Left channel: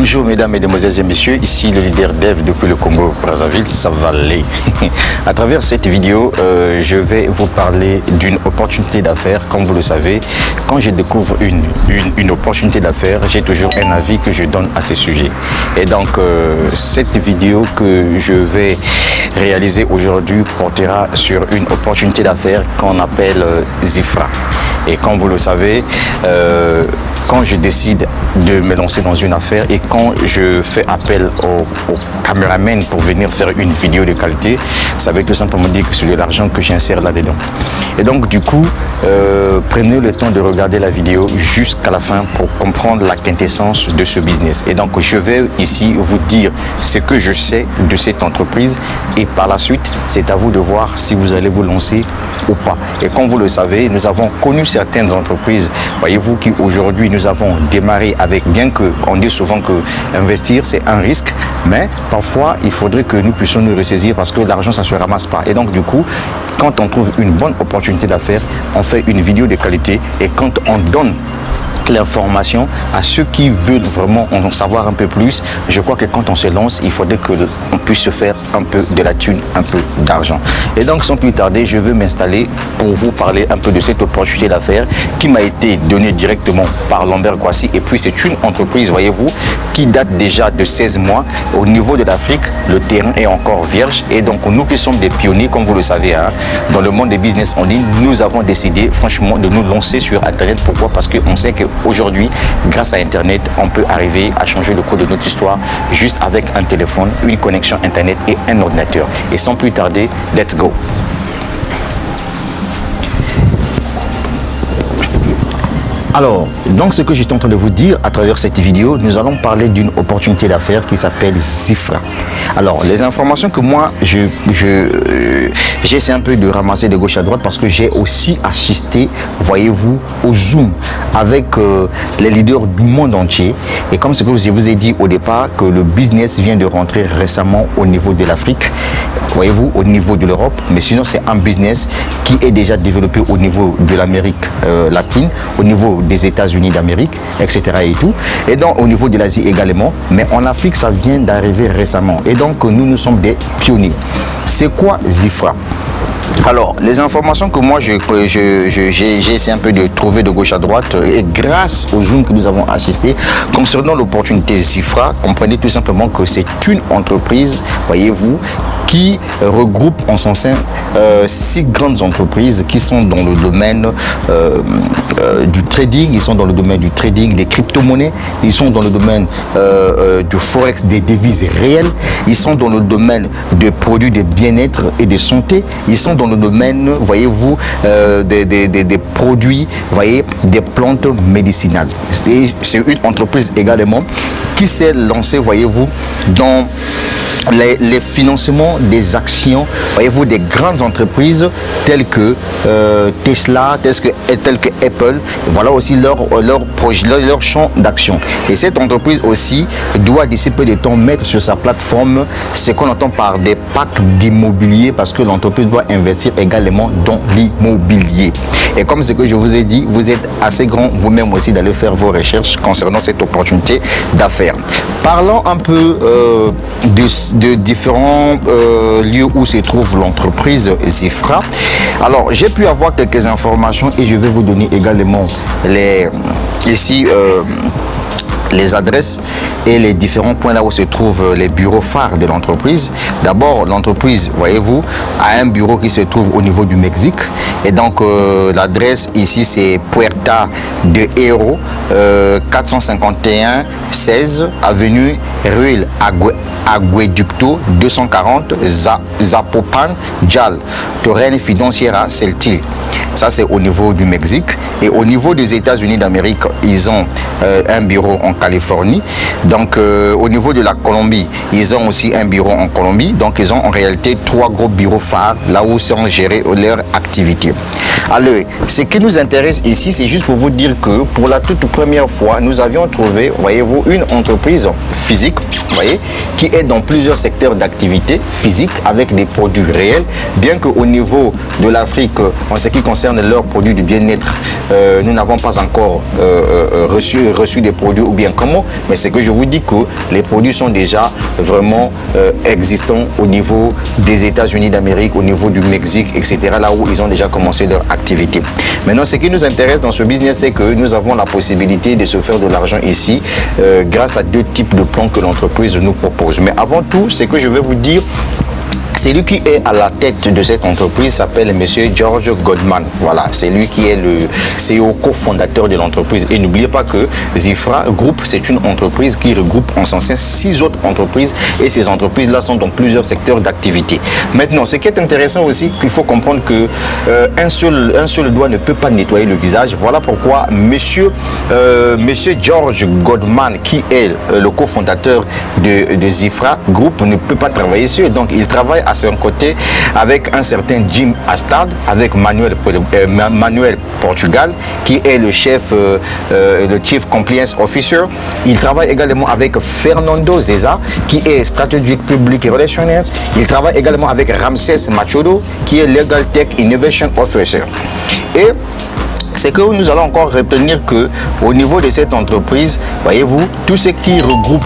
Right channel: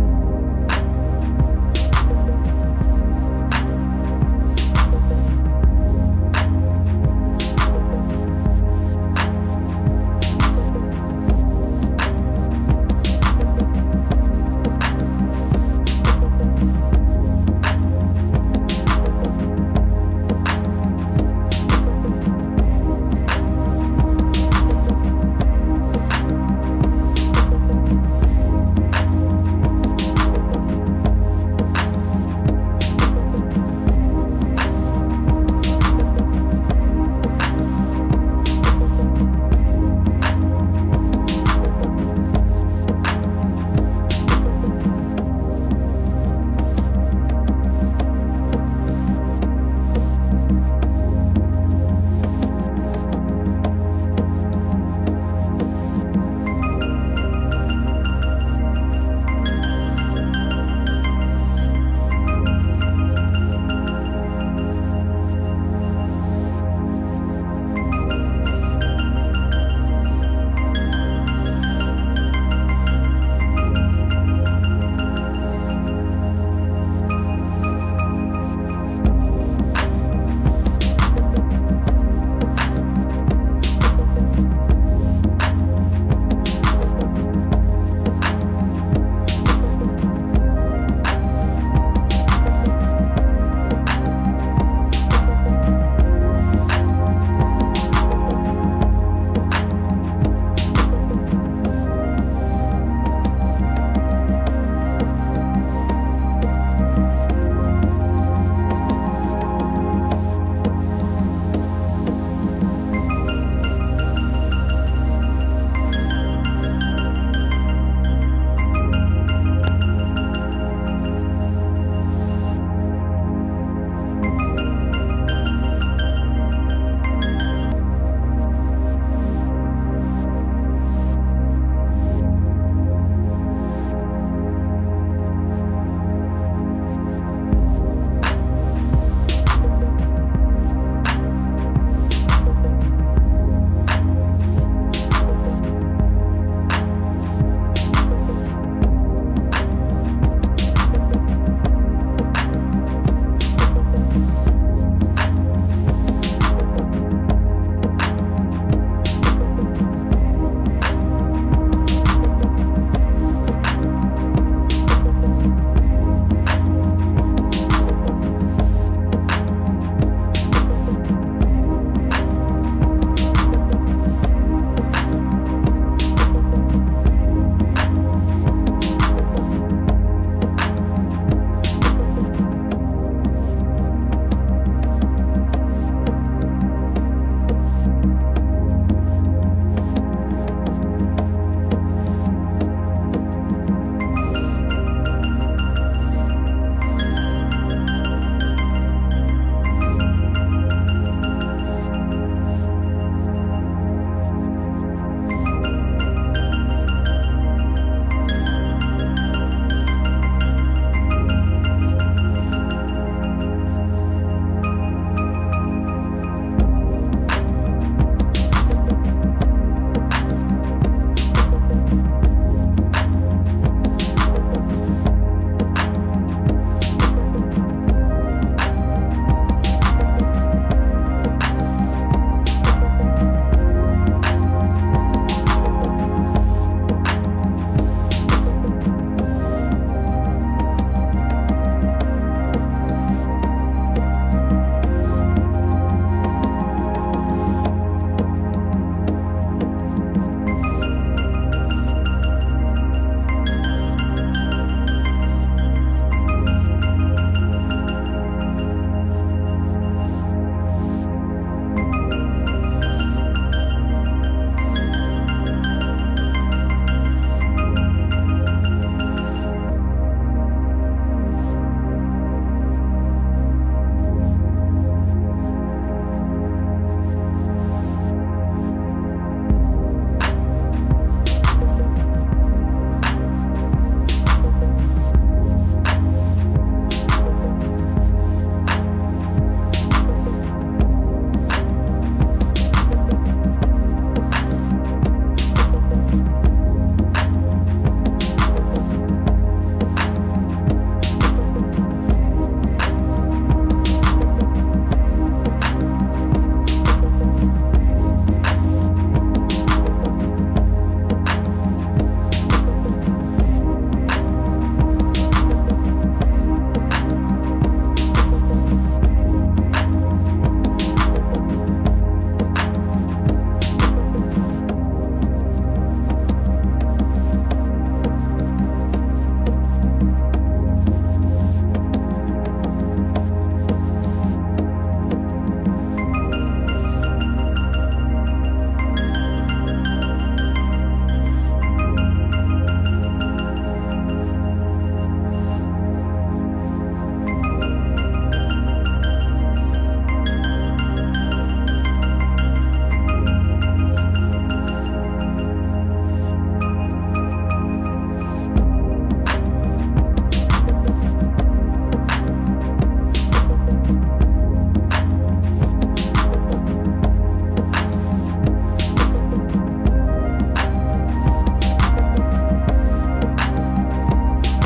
Bonjour mesdames, mesdemoiselles et messieurs, ici le leader dev depuis le Congo Brazzaville, ça va aller. À travers cette vidéo, je vais vous parler d'une opportunité d'affaires. Comme vous le savez, quand je découvre une opportunité d'affaires, j'ai toujours un avis que je donne à ce sujet. Et donc, cette vidéo que je vais réaliser aujourd'hui portera sur une opportunité d'affaires qu'on appelle Zifra. Et comme vous le savez, quand je décide de me lancer dans une affaire et quand je fais appel au caméraman pour venir faire une vidéo de qualité, ça veut tout simplement dire que c'est de l'argent que j'insère là-dedans. Et donc du coup, prenez le temps de regarder la vidéo jusqu'à la fin pour comprendre la quintessence de ce business. Et donc je vais ici vous dire ce que je sais de cette entreprise et par la suite, c'est à vous de voir si vous allez vous lancer ou pas. Et comme vous le savez, nous avons connu certaines entreprises, voyez-vous, qui aujourd'hui nous avons démarré avec, bien que on dit souvent que investir c'est un risque, mais parfois il faudrait que nous puissions nous ressaisir parce que l'argent ça ne se ramasse pas. Et donc du coup, quand on trouve une bonne opportunité d'affaires, on fait une vidéo de qualité et quand on donne l'information à ceux qui veulent vraiment en savoir un peu plus, je crois que quand on se lance, il faudrait qu'on puisse se faire un peu de la thune, un peu d'argent. Et donc sans plus tarder, je veux m'installer pour vous parler un peu de cette opportunité d'affaires qui m'a été donnée directement par Lambert Kwasi. Et puis c'est une entreprise, voyez-vous, qui date déjà de 16 mois. Au niveau de l'Afrique, le terrain est encore vierge et donc nous qui sommes des pionniers, comme vous le savez, hein, dans le monde des business en ligne, nous avons décidé franchement de nous lancer sur Internet. Pourquoi? Parce qu'on sait que aujourd'hui, grâce à Internet, on peut arriver à changer le cours de notre histoire juste avec un téléphone, une connexion Internet et un ordinateur. Et sans plus tarder, let's go! Alors, donc ce que j'étais en train de vous dire à travers cette vidéo, nous allons parler d'une opportunité d'affaires qui s'appelle Zifra. Alors, les informations que moi, j'essaie un peu de ramasser de gauche à droite parce que j'ai aussi assisté, voyez-vous, au Zoom avec les leaders du monde entier. Et comme ce que je vous ai dit au départ, que le business vient de rentrer récemment au niveau de l'Afrique, voyez-vous, au niveau de l'Europe, mais sinon c'est un business qui est déjà développé au niveau de l'Amérique latine, au niveau des États-Unis d'Amérique, etc. et tout, et donc au niveau de l'Asie également, mais en Afrique ça vient d'arriver récemment et donc nous sommes des pionniers. C'est quoi Zifra? Alors, les informations que moi j'ai essayé un peu de trouver de gauche à droite et grâce au Zoom que nous avons assisté concernant l'opportunité Zifra, comprenez tout simplement que c'est une entreprise, voyez-vous, qui regroupe en son sein 6 grandes entreprises qui sont dans le domaine du trading, ils sont dans le domaine du trading des crypto-monnaies, ils sont dans le domaine du forex, des devises réelles, ils sont dans le domaine des produits de bien-être et de santé, ils sont dans le domaine, voyez-vous, des produits, voyez, des plantes médicinales. C'est une entreprise également qui s'est lancée, voyez-vous, dans les financements des actions, voyez-vous, des grandes entreprises telles que Tesla, telles que Apple. Voilà aussi leur champ d'action. Et cette entreprise aussi doit d'ici peu de temps mettre sur sa plateforme ce qu'on entend par des packs d'immobilier parce que l'entreprise doit investir également dans l'immobilier. Et comme ce que je vous ai dit, vous êtes assez grand vous-même aussi d'aller faire vos recherches concernant cette opportunité d'affaires. Parlons un peu de différents lieux où se trouve l'entreprise Zifra. Alors, j'ai pu avoir quelques informations et je vais vous donner également les adresses et les différents points là où se trouvent les bureaux phares de l'entreprise. D'abord, l'entreprise, voyez-vous, a un bureau qui se trouve au niveau du Mexique. Et donc, l'adresse ici, c'est Puerta de Hero, 451 16 avenue Ruel Agueducto, 240 Zapopan, Jal, Torrent Financiera, Celtil. Ça, c'est au niveau du Mexique. Et au niveau des États-Unis d'Amérique, ils ont un bureau en Californie. Donc, au niveau de la Colombie, ils ont aussi un bureau en Colombie. Donc, ils ont en réalité 3 gros bureaux phares là où sont gérées leurs activités. Alors, ce qui nous intéresse ici, c'est juste pour vous dire que pour la toute première fois, nous avions trouvé, voyez-vous, une entreprise physique voyez, qui est dans plusieurs secteurs d'activité physique avec des produits réels, bien qu'au niveau de l'Afrique, en ce qui concerne leurs produits de bien-être, nous n'avons pas encore reçu des produits ou bien comment, mais c'est que je vous dis que les produits sont déjà vraiment existants au niveau des États-Unis d'Amérique, au niveau du Mexique, etc., là où ils ont déjà commencé leur activité. Maintenant, ce qui nous intéresse dans ce business, c'est que nous avons la possibilité de se faire de l'argent ici grâce à deux types de plans que l'entreprise nous propose. Mais avant tout, ce que je vais vous dire, celui qui est à la tête de cette entreprise s'appelle M. George Goldman. Voilà, c'est lui qui est le CEO cofondateur de l'entreprise. Et n'oubliez pas que Zifra Group, c'est une entreprise qui regroupe en son sein 6 autres entreprises. Et ces entreprises-là sont dans plusieurs secteurs d'activité. Maintenant, ce qui est intéressant aussi, qu'il faut comprendre que un seul doigt ne peut pas nettoyer le visage. Voilà pourquoi M. George Goldman, qui est le cofondateur de Zifra Group, ne peut pas travailler seul. Donc, il travaille à son côté avec un certain Jim Astad, avec Manuel Portugal, qui est le chef, le Chief Compliance Officer. Il travaille également avec Fernando Zeza, qui est Strategic Public Relations. Il travaille également avec Ramsès Machodo, qui est Legal Tech Innovation Officer. Et c'est que nous allons encore retenir que au niveau de cette entreprise, voyez-vous, tout ce qui regroupe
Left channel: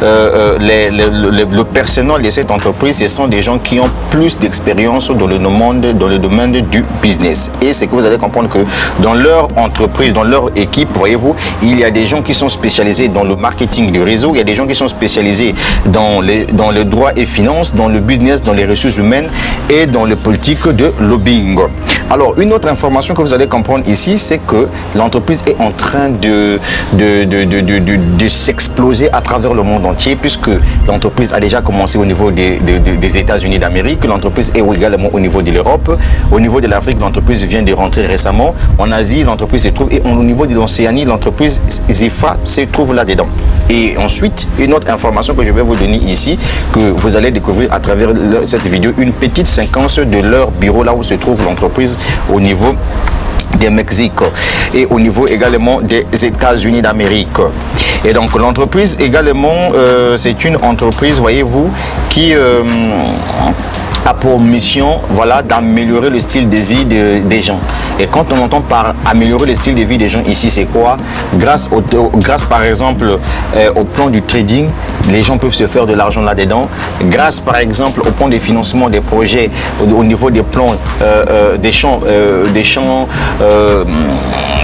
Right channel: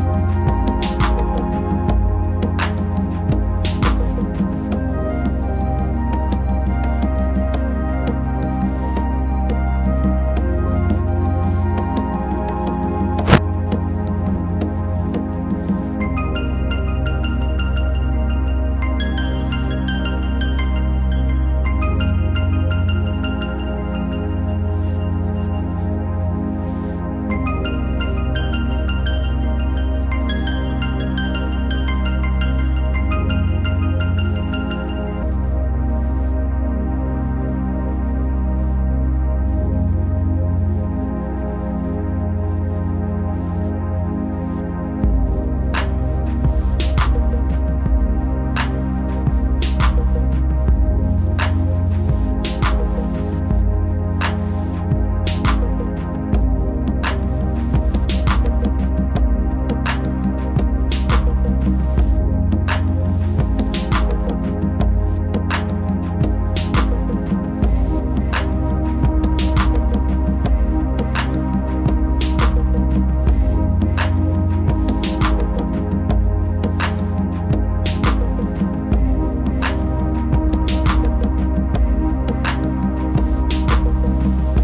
le personnel de cette entreprise, ce sont des gens qui ont plus d'expérience dans le domaine du business. Et c'est que vous allez comprendre que dans leur entreprise, dans leur équipe, voyez-vous, il y a des gens qui sont spécialisés dans le marketing du réseau, il y a des gens qui sont spécialisés dans le droit et finances, dans le business, dans les ressources humaines et dans le politique de lobbying. Alors, une autre information que vous allez comprendre ici, c'est que l'entreprise est en train de s'exploser à travers le monde entier, puisque l'entreprise a déjà commencé au niveau des États-Unis d'Amérique, l'entreprise est également au niveau de l'Europe, au niveau de l'Afrique, l'entreprise vient de rentrer récemment, en Asie, l'entreprise se trouve, et au niveau de l'Océanie, l'entreprise Zifra se trouve là-dedans. Et ensuite, une autre information que je vais vous donner ici, que vous allez découvrir à travers cette vidéo, une petite séquence de leur bureau, là où se trouve l'entreprise au niveau du Mexique et au niveau également des États-Unis d'Amérique. Et donc l'entreprise également, c'est une entreprise, voyez-vous, qui a pour mission, voilà, d'améliorer le style de vie des gens. Et quand on entend par améliorer le style de vie des gens ici, c'est quoi? Grâce par exemple au plan du trading, les gens peuvent se faire de l'argent là-dedans. Grâce par exemple au plan de financement des projets, au niveau des plans des champs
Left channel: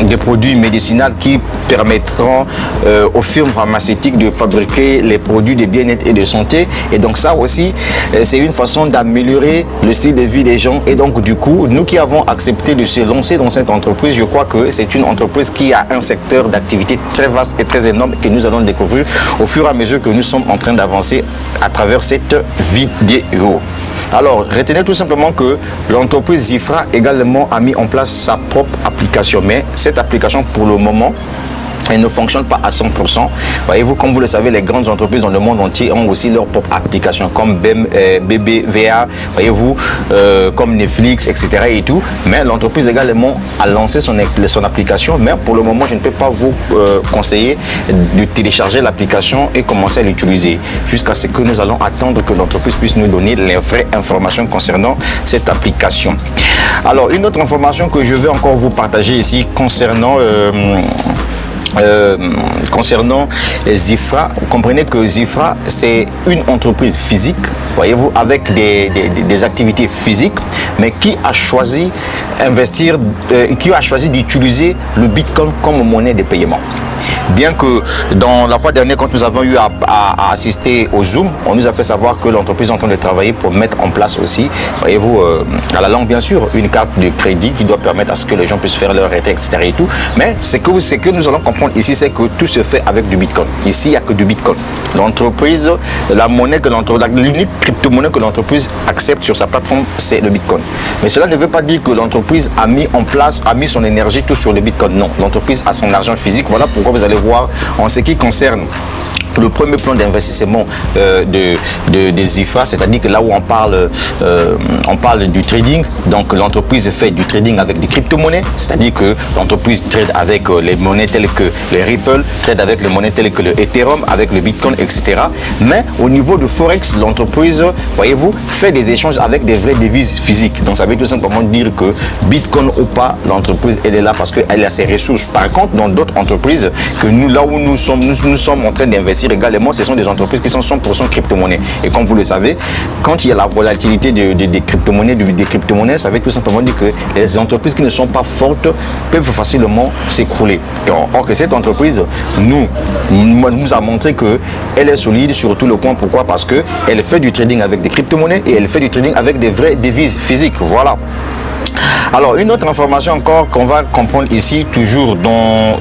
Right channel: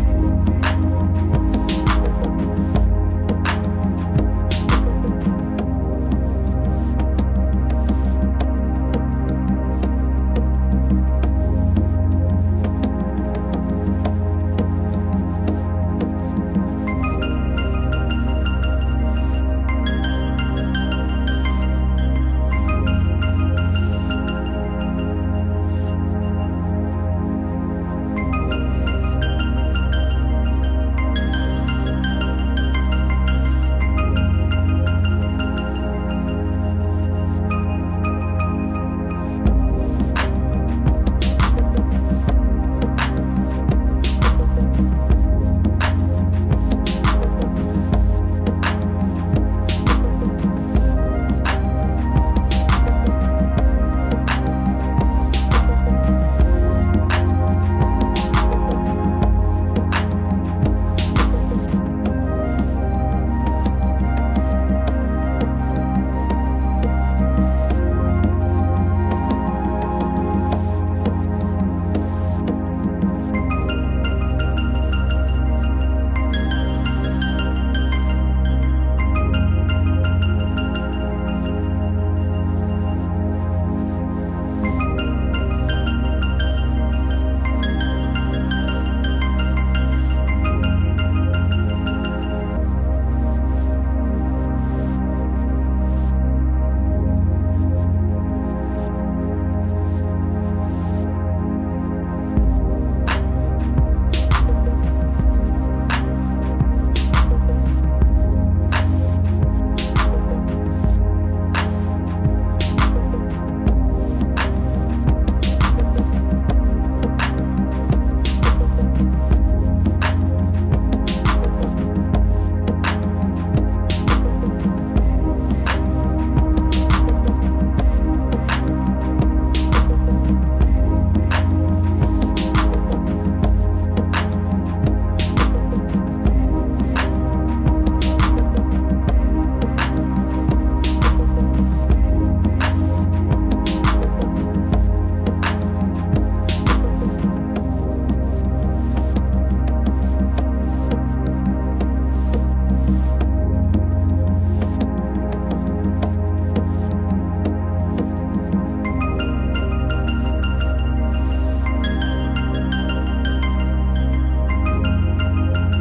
des produits médicinaux qui permettront aux firmes pharmaceutiques de fabriquer les produits de bien-être et de santé. Et donc ça aussi, c'est une façon d'améliorer le style de vie des gens. Et donc du coup, nous qui avons accepté de se lancer dans cette entreprise, je crois que c'est une entreprise qui a un secteur d'activité très vaste et très énorme que nous allons découvrir au fur et à mesure que nous sommes en train d'avancer à travers cette vidéo. Alors, retenez tout simplement que l'entreprise Zifra également a mis en place sa propre application. Mais cette application, pour le moment, elle ne fonctionne pas à 100%. Voyez-vous, comme vous le savez, les grandes entreprises dans le monde entier ont aussi leur propre application, comme BBVA, voyez-vous, comme Netflix, etc. et tout. Mais l'entreprise également a lancé son application. Mais pour le moment, je ne peux pas vous conseiller de télécharger l'application et commencer à l'utiliser jusqu'à ce que nous allons attendre que l'entreprise puisse nous donner les vraies informations concernant cette application. Alors, une autre information que je vais encore vous partager ici concernant Zifra, comprenez que Zifra, c'est une entreprise physique, voyez-vous, avec des activités physiques, mais qui a choisi d'utiliser le Bitcoin comme monnaie de paiement. Bien que dans la fois dernière, quand nous avons eu à assister au Zoom, on nous a fait savoir que l'entreprise est en train de travailler pour mettre en place aussi, voyez-vous, à la langue bien sûr, une carte de crédit qui doit permettre à ce que les gens puissent faire leur retraite, etc. et tout. Mais ce que nous allons comprendre ici, c'est que tout se fait avec du Bitcoin. Ici, il n'y a que du Bitcoin. L'entreprise, l'unique crypto-monnaie que l'entreprise accepte sur sa plateforme, c'est le Bitcoin. Mais cela ne veut pas dire que l'entreprise a mis son énergie tout sur le Bitcoin. Non, l'entreprise a son argent physique. Voilà pourquoi vous allez voir en ce qui concerne le premier plan d'investissement de Zifra, c'est-à-dire que là où on parle du trading, donc l'entreprise fait du trading avec des crypto-monnaies, c'est-à-dire que l'entreprise trade avec les monnaies telles que les Ripple, trade avec les monnaies telles que le Ethereum, avec le Bitcoin, etc. Mais au niveau de Forex, l'entreprise, voyez-vous, fait des échanges avec des vraies devises physiques. Donc ça veut tout simplement dire que Bitcoin ou pas, l'entreprise elle est là parce qu'elle a ses ressources. Par contre, dans d'autres entreprises, que nous, là où nous sommes en train d'investir également, ce sont des entreprises qui sont 100% crypto-monnaies. Et comme vous le savez, quand il y a la volatilité des crypto-monnaies, ça veut tout simplement dire que les entreprises qui ne sont pas fortes peuvent facilement s'écrouler. Or que cette entreprise nous a montré qu'elle est solide sur tout le point. Pourquoi? Parce qu'elle fait du trading avec des crypto-monnaies et elle fait du trading avec des vraies devises physiques. Voilà. Alors, une autre information encore qu'on va comprendre ici, toujours dans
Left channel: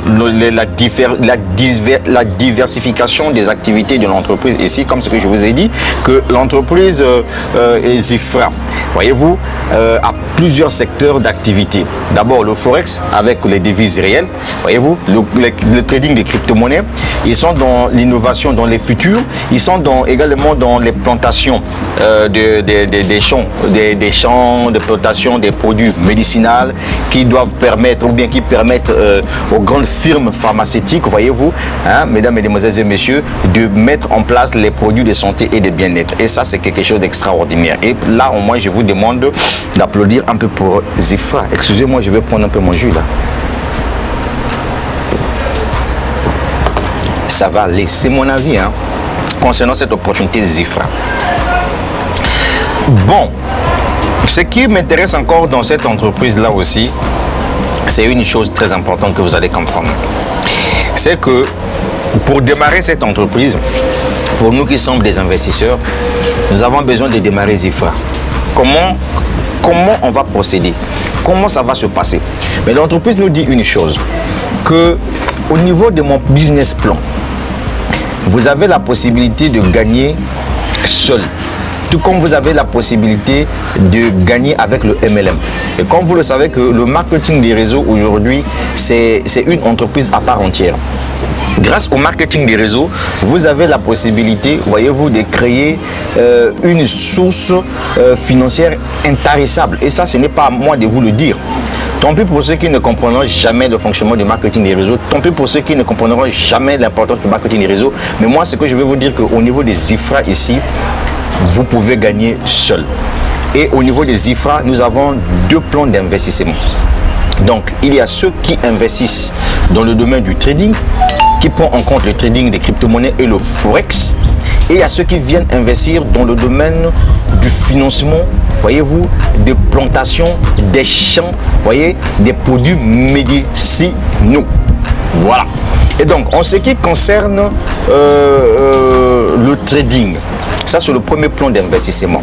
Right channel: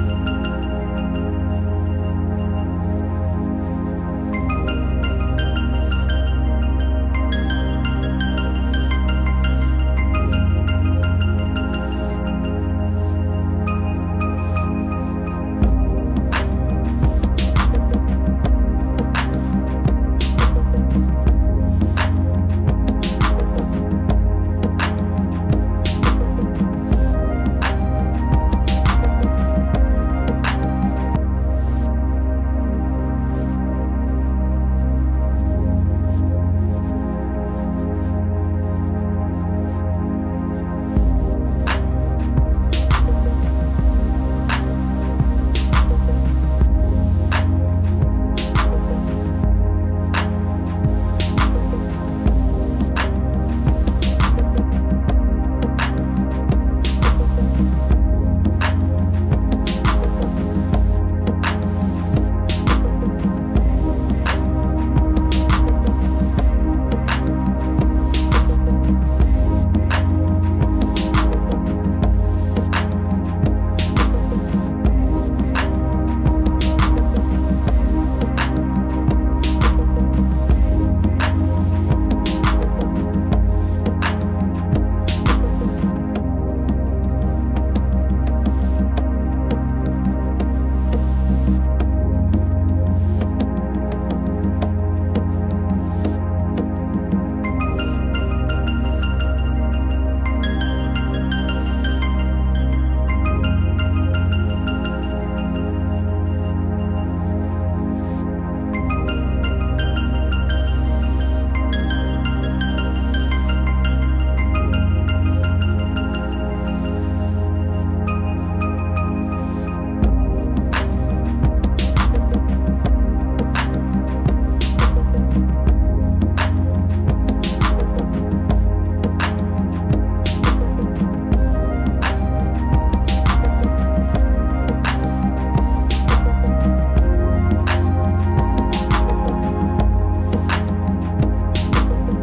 la diversification des activités de l'entreprise ici, comme ce que je vous ai dit, que l'entreprise Zifra, voyez-vous, a plusieurs secteurs d'activité. D'abord, le Forex avec les devises réelles, voyez-vous, le trading des crypto-monnaies, ils sont dans l'innovation, dans les futurs, ils sont également dans les plantations des champs de plantation des produits médicinales qui doivent permettre ou bien qui permettent aux grandes firmes pharmaceutiques, voyez-vous, hein, mesdames, mesdemoiselles et messieurs, de mettre en place les produits de santé et de bien-être. Et ça, c'est quelque chose d'extraordinaire. Et là, au moins, je vous demande d'applaudir un peu pour Zifra. Excusez-moi, je vais prendre un peu mon jus là. Ça va aller. C'est mon avis hein, concernant cette opportunité Zifra. Bon. Ce qui m'intéresse encore dans cette entreprise-là aussi, c'est une chose très importante que vous allez comprendre. C'est que pour démarrer cette entreprise, pour nous qui sommes des investisseurs, nous avons besoin de démarrer Zifra. Comment on va procéder? Comment ça va se passer? Mais l'entreprise nous dit une chose, que au niveau de mon business plan, vous avez la possibilité de gagner seul. Tout comme vous avez la possibilité de gagner avec le MLM. Et comme vous le savez que le marketing des réseaux aujourd'hui, c'est une entreprise à part entière. Grâce au marketing des réseaux, vous avez la possibilité, voyez-vous, de créer une source financière intarissable. Et ça, ce n'est pas à moi de vous le dire. Tant pis pour ceux qui ne comprendront jamais le fonctionnement du marketing des réseaux. Tant pis pour ceux qui ne comprendront jamais l'importance du marketing des réseaux. Mais moi, ce que je vais vous dire qu'au niveau des Zifra ici, vous pouvez gagner seul. Et au niveau des Zifra, nous avons deux plans d'investissement. Donc, il y a ceux qui investissent dans le domaine du trading, qui prend en compte le trading des crypto-monnaies et le Forex. Et il y a ceux qui viennent investir dans le domaine du financement, voyez-vous, des plantations, des champs, voyez, des produits médicinaux. Voilà. Et donc, en ce qui concerne le trading, ça c'est le premier plan d'investissement.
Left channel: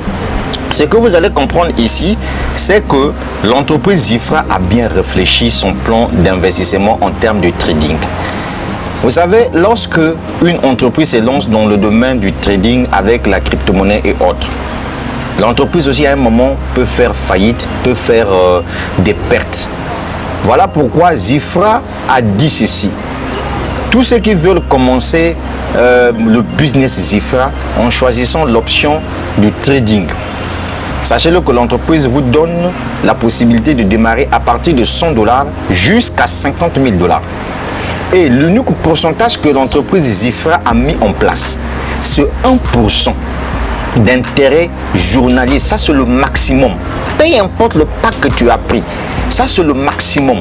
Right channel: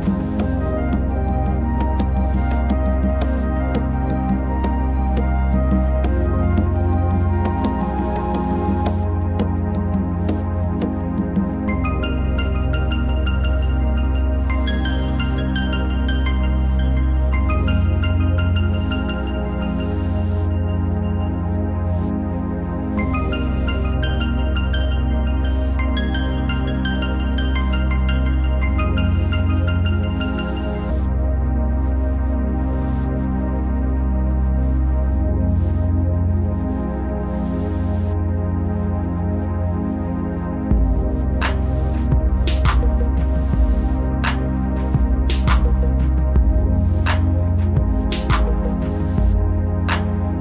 Ce que vous allez comprendre ici, c'est que l'entreprise Zifra a bien réfléchi son plan d'investissement en termes de trading. Vous savez, lorsque une entreprise se lance dans le domaine du trading avec la crypto-monnaie et autres, l'entreprise aussi à un moment peut faire faillite, peut faire des pertes. Voilà pourquoi Zifra a dit ceci. Tous ceux qui veulent commencer le business Zifra en choisissant l'option du trading, sachez-le que l'entreprise vous donne la possibilité de démarrer à partir de $100 jusqu'à $50 000. Et l'unique pourcentage que l'entreprise Zifra a mis en place, c'est 1% d'intérêt journalier. Ça, c'est le maximum. Peu importe le pack que tu as pris, ça, c'est le maximum.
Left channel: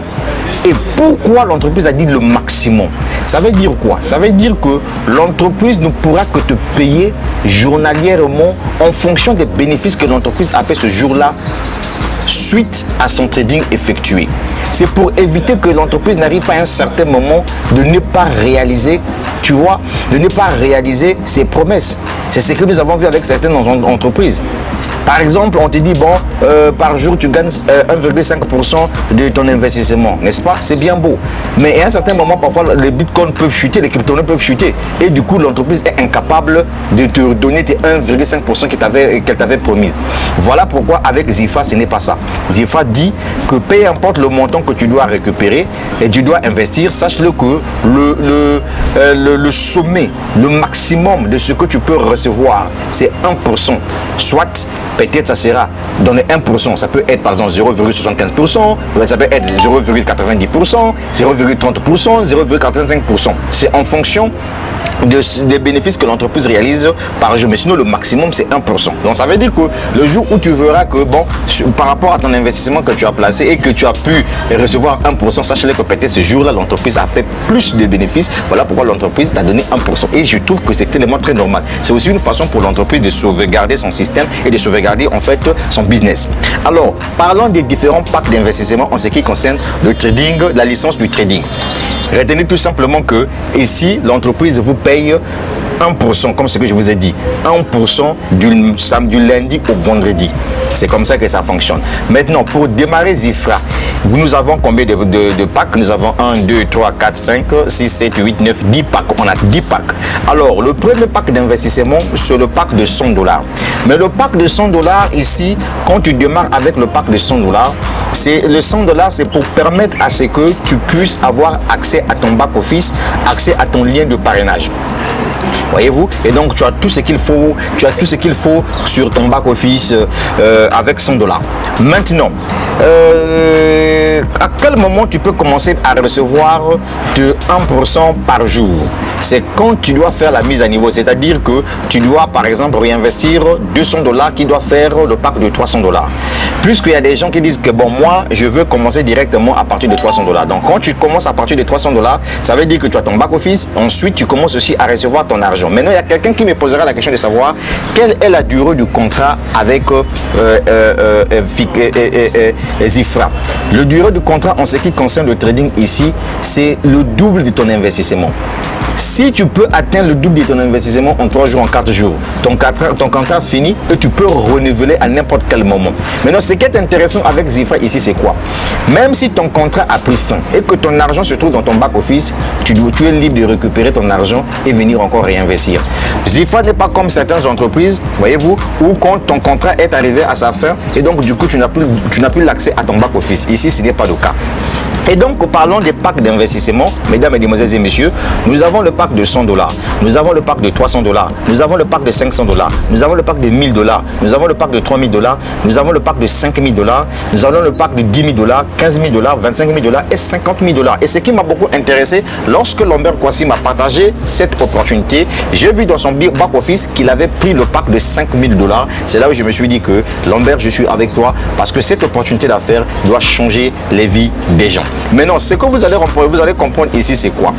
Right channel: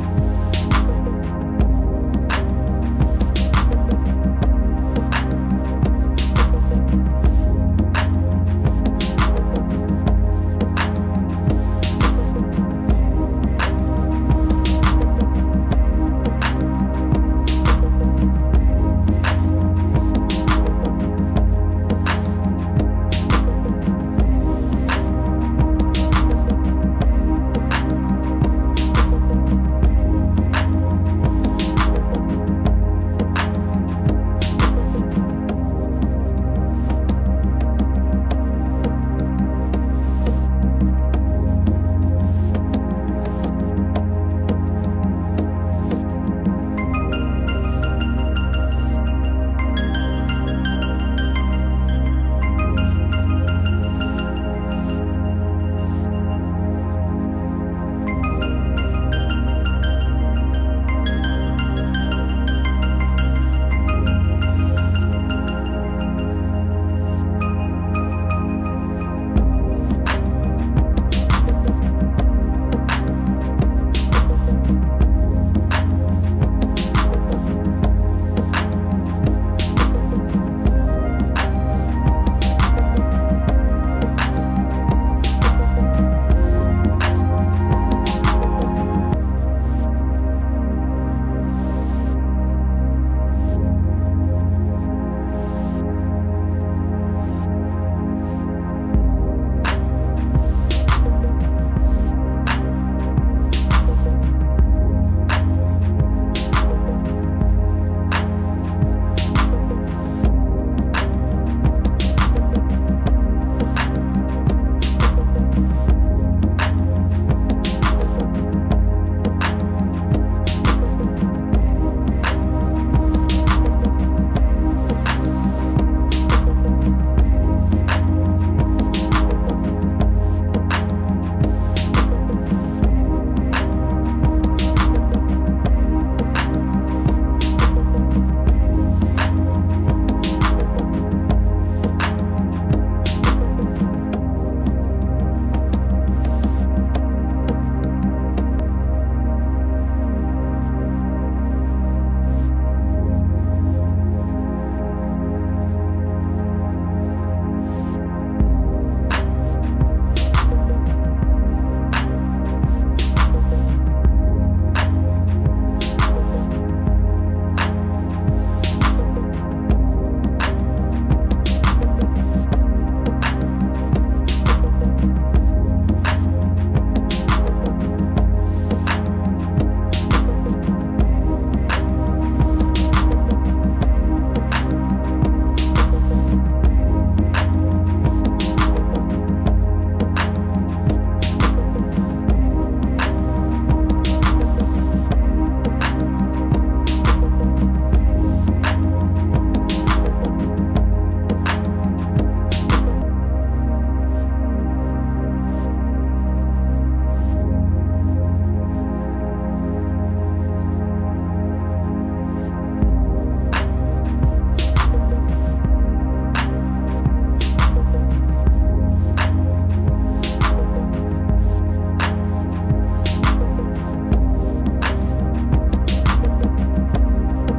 Et pourquoi l'entreprise a dit le maximum? Ça veut dire quoi? Ça veut dire que l'entreprise ne pourra que te payer journalièrement en fonction des bénéfices que l'entreprise a fait ce jour-là suite à son trading effectué. C'est pour éviter que l'entreprise n'arrive pas à un certain moment de ne pas réaliser, tu vois, de ne pas réaliser ses promesses. C'est ce que nous avons vu avec certaines entreprises. Par exemple, on te dit, bon, par jour, tu gagnes 1,5% de ton investissement, n'est-ce pas? C'est bien beau. Mais à un certain moment, parfois, les bitcoins peuvent chuter, les crypto-monnaies peuvent chuter. Et du coup, l'entreprise est incapable de te donner tes 1,5% qu'elle t'avait promis. Voilà pourquoi avec Zifra, ce n'est pas ça. Zifra dit que peu importe le montant que tu dois récupérer et tu dois investir, sache-le que le sommet, le maximum de ce que tu peux recevoir, c'est 1%. Soit, peut-être ça sera dans les 1%, ça peut être par exemple 0,75%, ça peut être 0,90%, 0,30%, 0,85%. C'est en fonction des bénéfices que l'entreprise réalise par jour, mais sinon le maximum c'est 1%. Donc ça veut dire que le jour où tu verras que bon, par rapport à ton investissement que tu as placé et que tu as pu recevoir 1%, sache-le que peut-être ce jour-là l'entreprise a fait plus de bénéfices. Voilà pourquoi l'entreprise t'a donné 1%. Et je trouve que c'est tellement très normal. C'est aussi une façon pour l'entreprise de sauvegarder son système et de sauvegarder en fait son business. Alors, parlons des différents packs d'investissement en ce qui concerne le trading, la licence du trading. Retenez tout simplement que ici, l'entreprise vous paye 1%, comme ce que je vous ai dit, 1% du lundi au vendredi. C'est comme ça que ça fonctionne. Maintenant, pour démarrer Zifra, nous avons combien de packs? Nous avons 1, 2, 3, 4, 5, 6, 7, 8, 9, 10 packs. On a 10 packs. Alors, le premier pack d'investissement, c'est le pack de $100. Mais le pack de $100 ici, quand tu démarres avec le pack de $100, le $100, c'est pour permettre à ce que tu puisses avoir accès à ton back-office, accès à ton lien de parrainage. Voyez-vous? Et donc tu as tout ce qu'il faut, sur ton back-office avec $100. Maintenant, à quel moment tu peux commencer à recevoir de 1% par jour? C'est quand tu dois faire la mise à niveau, c'est-à-dire que tu dois par exemple réinvestir $200 qui doit faire le pack de $300. Puisqu'il y a des gens qui disent que bon, moi je veux commencer directement à partir de $300. Donc quand tu commences à partir de $300, ça veut dire que tu as ton back-office, ensuite tu commences aussi à recevoir ton argent. Maintenant, il y a quelqu'un qui me posera la question de savoir quelle est la durée du contrat avec Zifra. Le durée du contrat en ce qui concerne le trading ici, c'est le double de ton investissement. Si tu peux atteindre le double de ton investissement en 3 jours, en 4 jours, ton contrat finit et tu peux renouveler à n'importe quel moment. Maintenant, ce qui est intéressant avec Zifra ici, c'est quoi? Même si ton contrat a pris fin et que ton argent se trouve dans ton back-office, tu es libre de récupérer ton argent et venir encore réinvestir. Zifra n'est pas comme certaines entreprises, voyez-vous, où quand ton contrat est arrivé à sa fin et donc du coup tu n'as plus l'accès à ton back-office. Ici, ce n'est pas le cas. Et donc, parlons des packs d'investissement, mesdames, mesdemoiselles et messieurs. Nous avons le pack de $100, nous avons le pack de $300, nous avons le pack de $500, nous avons le pack de $1000, nous avons le pack de $3000, nous avons le pack de $5000, nous avons le pack de $10 000, $15 000, $25 000 et $50 000. Et ce qui m'a beaucoup intéressé, lorsque Lambert Kouassi m'a partagé cette opportunité, j'ai vu dans son back-office qu'il avait pris le pack de $5 000. C'est là où je me suis dit que Lambert, je suis avec toi parce que cette opportunité d'affaires doit changer les vies des gens. Maintenant, ce que vous allez comprendre ici, c'est quoi?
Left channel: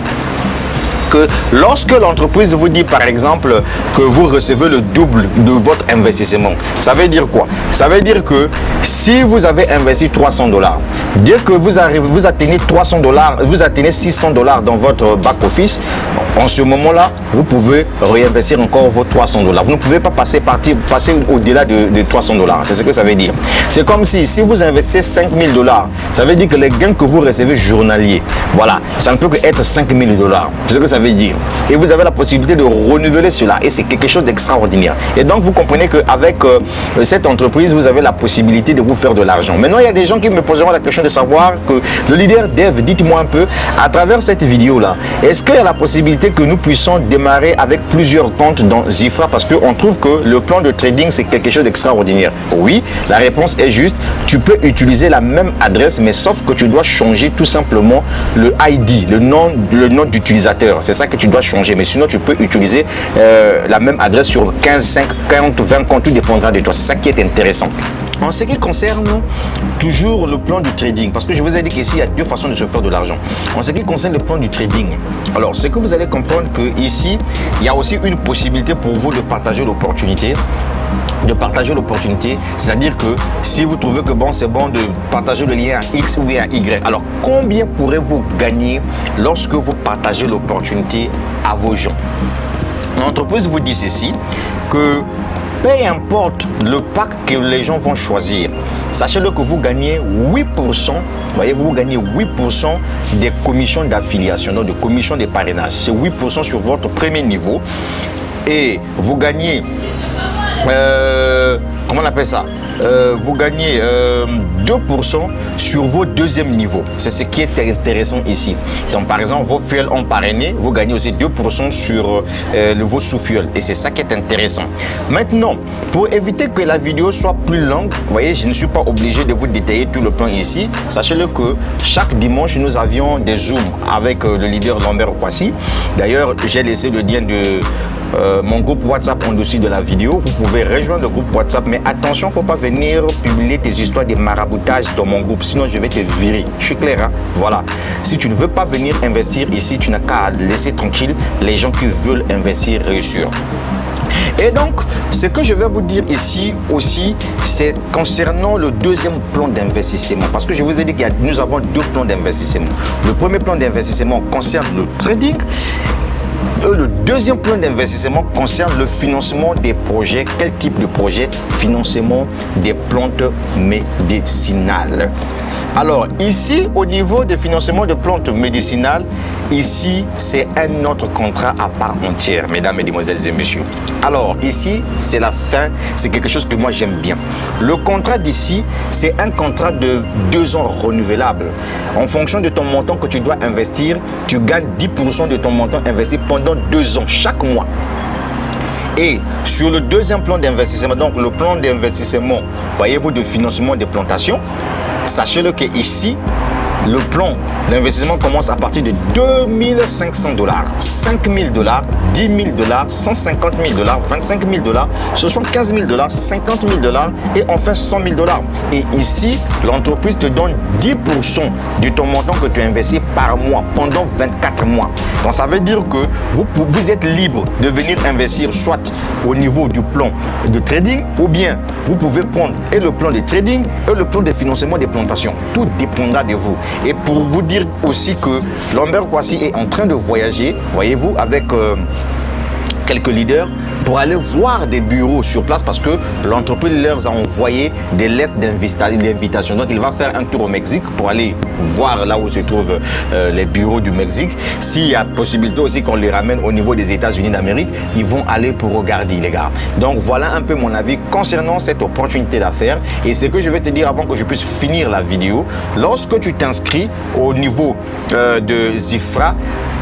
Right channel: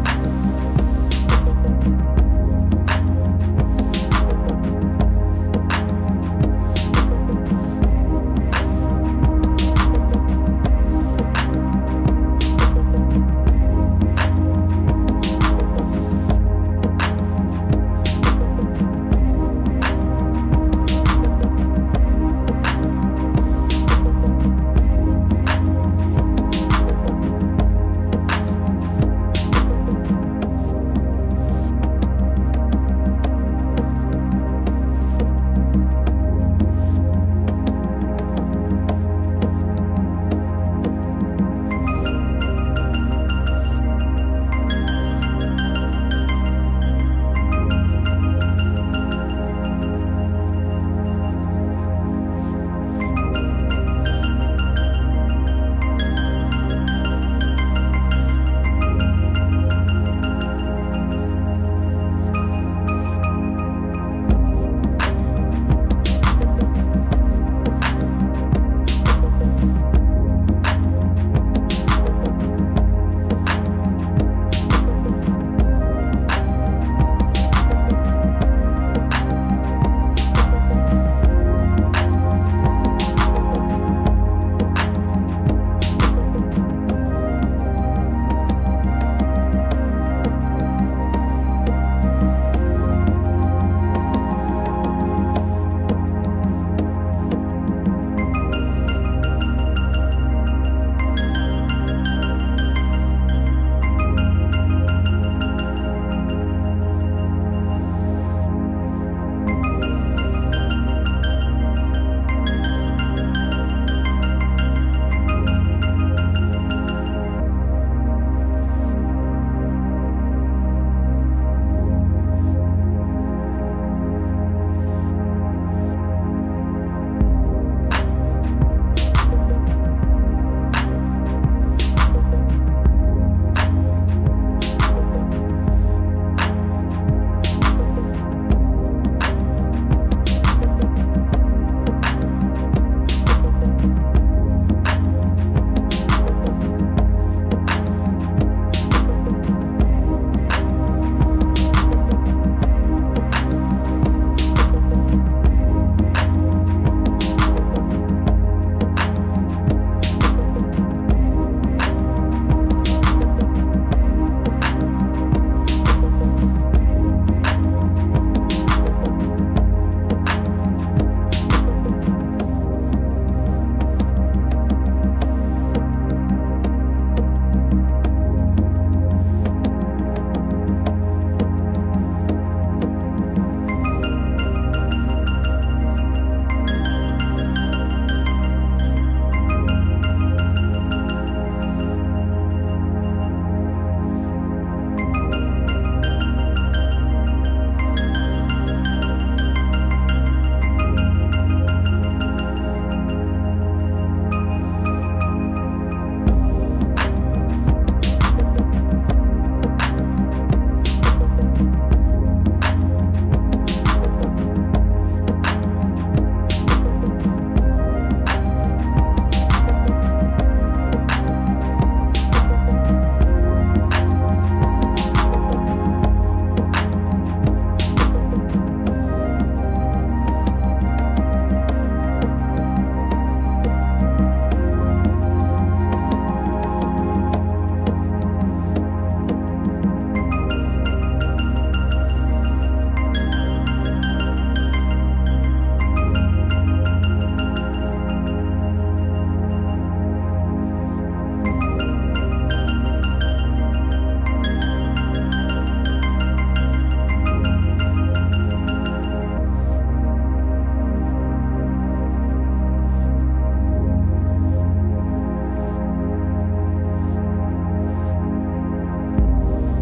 Que lorsque l'entreprise vous dit par exemple que vous recevez le double de votre investissement, ça veut dire quoi? Ça veut dire que si vous avez investi $300, dès que vous atteignez $300, vous atteignez $600 dans votre back-office, en ce moment-là, vous pouvez réinvestir encore vos $300. Vous ne pouvez pas passer au-delà de $300. C'est ce que ça veut dire. C'est comme si vous investissez $5 000, ça veut dire que les gains que vous recevez journaliers, voilà, ça ne peut que être $5 000. C'est ce que ça veut dire. Et vous avez la possibilité de renouveler cela. Et c'est quelque chose d'extraordinaire. Et donc, vous comprenez qu'avec cette entreprise, vous avez la possibilité de vous faire de l'argent. Maintenant, il y a des gens qui me poseront la question de savoir que le leader dev, dites-moi un peu, à travers cette vidéo-là, est-ce qu'il y a la possibilité que nous puissions démarrer avec plusieurs comptes dans Zifra? Parce qu'on trouve que le plan de trading, c'est quelque chose d'extraordinaire. Oui, la réponse est juste. Tu peux utiliser la même adresse, mais sauf que tu dois changer tout simplement le ID, le nom d'utilisateur. C'est ça que tu dois changer, mais sinon tu peux utiliser la même adresse sur 15, 5, 40, 20 comptes, tout dépendra de toi. C'est ça qui est intéressant. En ce qui concerne toujours le plan du trading, parce que je vous ai dit qu'ici il y a deux façons de se faire de l'argent. En ce qui concerne le plan du trading, alors ce que vous allez comprendre que ici il y a aussi une possibilité pour vous de partager l'opportunité. C'est-à-dire que si vous trouvez que bon, c'est bon de partager le lien à X ou bien à Y, alors combien pourrez-vous gagner lorsque vous partagez l'opportunité à vos gens? L'entreprise vous dit ceci, que peu importe le pack que les gens vont choisir, sachez-le que vous gagnez 8%, voyez, vous gagnez 8% des commissions d'affiliation, donc des commissions de parrainage. C'est 8% sur votre premier niveau. Et vous gagnez, comment on appelle ça, vous gagnez 2% sur vos deuxième niveaux. C'est ce qui est intéressant ici. Donc par exemple, vos fuels ont parrainé, vous gagnez aussi 2% sur vos sous-fuels. Et c'est ça qui est intéressant. Maintenant, pour éviter que la vidéo soit plus longue, vous voyez, je ne suis pas obligé de vous détailler tout le plan ici. Sachez-le que chaque dimanche, nous avions des zooms avec le leader Lambert Kwasi. D'ailleurs, j'ai laissé le lien de mon groupe WhatsApp en dessous de la vidéo. Vous pouvez rejoindre le groupe WhatsApp, mais attention, il ne faut pas venir publier tes histoires de maraboutage dans mon groupe, sinon je vais te virer. Je suis clair, hein? Voilà. Si tu ne veux pas venir investir ici, tu n'as qu'à laisser tranquille les gens qui veulent investir, réussir. Et donc, ce que je vais vous dire ici aussi, c'est concernant le deuxième plan d'investissement. Parce que je vous ai dit que nous avons deux plans d'investissement. Le premier plan d'investissement concerne le trading. Le deuxième plan d'investissement concerne le financement des projets. Quel type de projet? Financement des plantes médicinales. Alors ici, au niveau de financement de plantes médicinales, ici, c'est un autre contrat à part entière, mesdames, mesdemoiselles et messieurs. Alors ici, c'est la fin, c'est quelque chose que moi j'aime bien. Le contrat d'ici, c'est un contrat de 2 ans renouvelable. En fonction de ton montant que tu dois investir, tu gagnes 10% de ton montant investi pendant 2 ans, chaque mois. Et sur le deuxième plan d'investissement, donc le plan d'investissement, voyez-vous, de financement des plantations, sachez-le qu'ici, le plan d'investissement commence à partir de $2 500, $5 000, $10 000, $150 000, $25 000, $75 000, $50 000 et enfin $100 000. Et ici, l'entreprise te donne 10% de ton montant que tu investis par mois pendant 24 mois. Donc ça veut dire que vous êtes libre de venir investir soit au niveau du plan de trading ou bien vous pouvez prendre et le plan de trading et le plan de financement des plantations. Tout dépendra de vous. Et pour vous dire aussi que Lambert Kwasi est en train de voyager, voyez-vous, avec quelques leaders pour aller voir des bureaux sur place parce que l'entreprise leur a envoyé des lettres d'invitation. Donc il va faire un tour au Mexique pour aller voir là où se trouvent les bureaux du Mexique. S'il y a possibilité aussi qu'on les ramène au niveau des États-Unis d'Amérique, ils vont aller pour regarder, les gars. Donc voilà un peu mon avis concernant cette opportunité d'affaires. Et ce que je vais te dire avant que je puisse finir la vidéo, lorsque tu t'inscris au niveau de Zifra,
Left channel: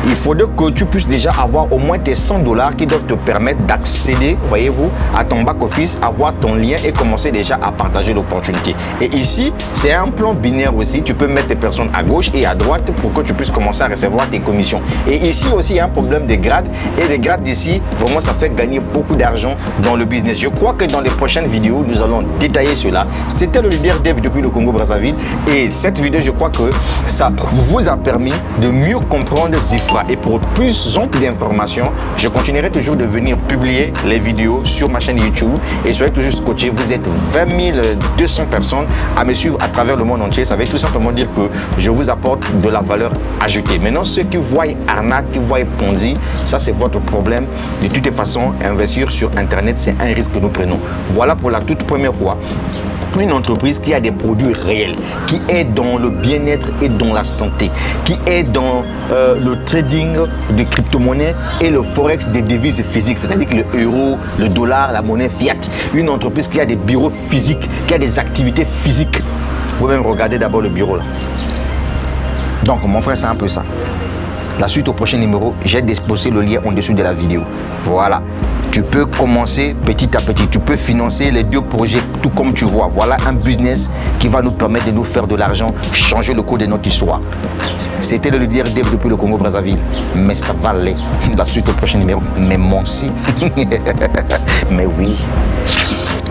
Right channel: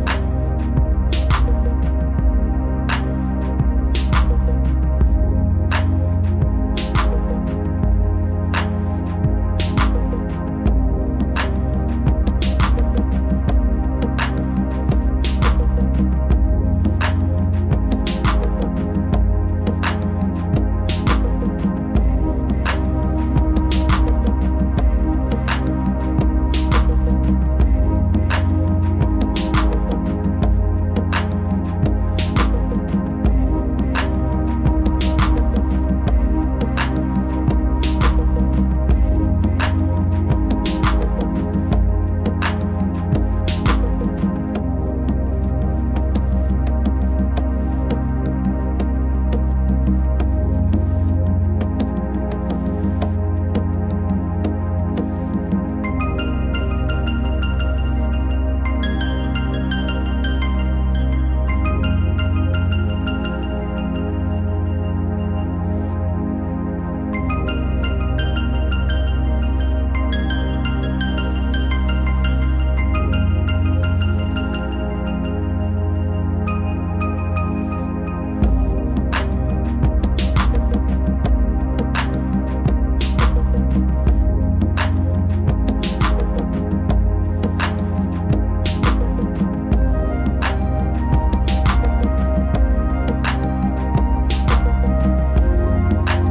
il faudrait que tu puisses déjà avoir au moins tes $100 qui doivent te permettre d'accéder, voyez-vous, à ton back-office, avoir ton lien et commencer déjà à partager l'opportunité. Et ici, c'est un plan binaire aussi. Tu peux mettre tes personnes à gauche et à droite pour que tu puisses commencer à recevoir tes commissions. Et ici aussi, il y a un problème de grades. Et les grades d'ici, vraiment, ça fait gagner beaucoup d'argent dans le business. Je crois que dans les prochaines vidéos, nous allons détailler cela. C'était le leader Dev depuis le Congo-Brazzaville. Et cette vidéo, je crois que ça vous a permis de mieux comprendre Zifra. Et pour plus d'informations, je continuerai toujours de venir publier les vidéos sur ma chaîne YouTube. Et soyez toujours scotchés. Vous êtes 20 200 personnes à me suivre à travers le monde entier. Ça veut tout simplement dire que je vous apporte de la valeur ajoutée. Maintenant, ceux qui voient arnaque, qui voient Ponzi, ça c'est votre problème. De toute façon, investir sur Internet, c'est un risque que nous prenons. Voilà pour la toute première fois une entreprise qui a des produits réels, qui est dans le bien-être et dans la santé, qui est dans le trading de crypto-monnaies et le forex des devises physiques, c'est-à-dire que le euro, le dollar, la monnaie fiat. Une entreprise qui a des bureaux physiques, qui a des activités physiques. Vous pouvez même regarder d'abord le bureau là. Donc mon frère, c'est un peu ça. La suite au prochain numéro, j'ai déposé le lien en dessous de la vidéo. Voilà. Tu peux commencer petit à petit. Tu peux financer les 2 projets tout comme tu vois. Voilà un business qui va nous permettre de nous faire de l'argent, changer le cours de notre histoire. C'était le leader Dev depuis le Congo-Brazzaville. Mais ça va aller. La suite au prochain numéro. Mais moi aussi. Mais oui.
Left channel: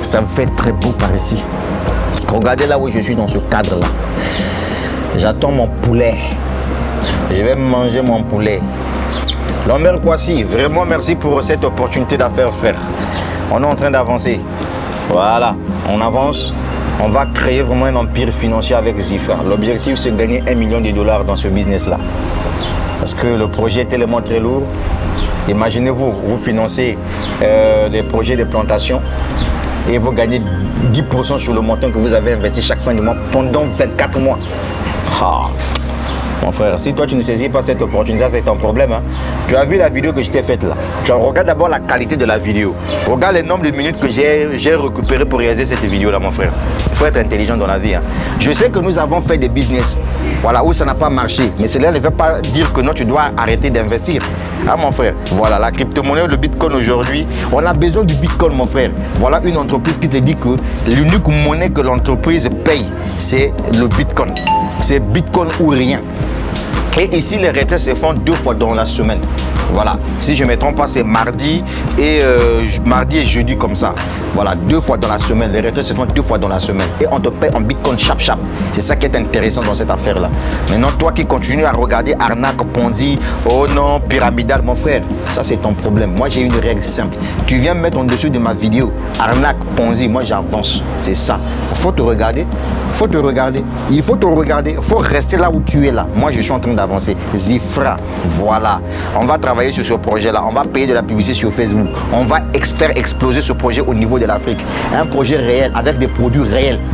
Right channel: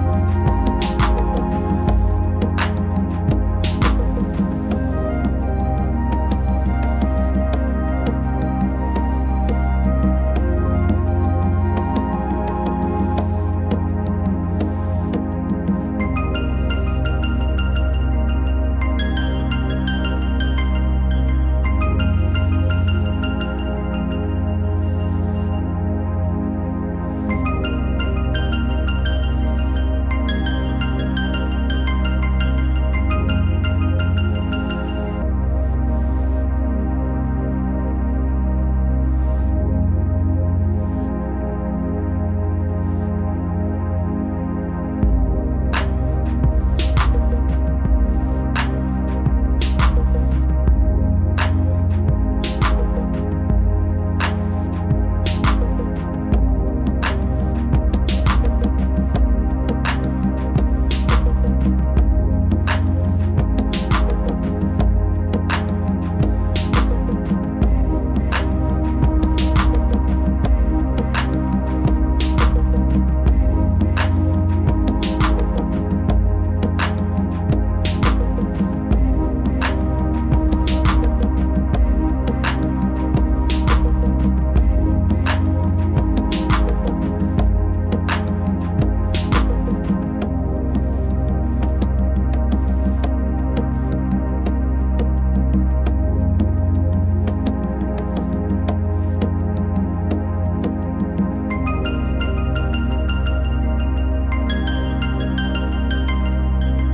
Ça me fait très beau par ici. Regardez là où je suis dans ce cadre-là. J'attends mon poulet. Je vais manger mon poulet. Lambert Kwasi, vraiment merci pour cette opportunité d'affaires, frère. On est en train d'avancer. Voilà, on avance. On va créer vraiment un empire financier avec Zifra. L'objectif, c'est de gagner $1 million dans ce business-là. Parce que le projet est tellement très lourd. Imaginez-vous, vous financez les projets de plantation et vous gagnez 10% sur le montant que vous avez investi chaque fin du mois pendant 24 mois. Ah. Mon frère, si toi tu ne saisis pas cette opportunité, c'est ton problème. Hein. Tu as vu la vidéo que je t'ai faite là. Tu regardes d'abord la qualité de la vidéo. Regarde le nombre de minutes que j'ai récupéré pour réaliser cette vidéo là, mon frère. Il faut être intelligent dans la vie. Hein. Je sais que nous avons fait des business, voilà, où ça n'a pas marché. Mais cela ne veut pas dire que non, tu dois arrêter d'investir. Ah mon frère, voilà, la crypto-monnaie, le bitcoin aujourd'hui, on a besoin du bitcoin, mon frère. Voilà une entreprise qui te dit que l'unique monnaie que l'entreprise paye, c'est le bitcoin. C'est bitcoin ou rien. Et ici, les retraits se font 2 fois dans la semaine. Voilà. Si je ne me trompe pas, c'est mardi et jeudi comme ça. Voilà, 2 fois dans la semaine. Les retraits se font 2 fois dans la semaine. Et on te paye en bitcoin chap. C'est ça qui est intéressant dans cette affaire-là. Maintenant, toi qui continues à regarder arnaque, Ponzi, oh non, pyramidal, mon frère, ça c'est ton problème. Moi, j'ai une règle simple. Tu viens me mettre en dessous de ma vidéo, arnaque, Ponzi, moi j'avance. C'est ça. Il faut te regarder. Il faut te regarder. Il faut te regarder. Il faut rester là où tu es là. Moi, je suis en train d'avancer. Zifra, voilà. On va travailler sur ce projet-là. On va payer de la publicité sur Facebook. On va faire exploser ce projet au niveau de l'Afrique. Un projet réel avec des produits réels.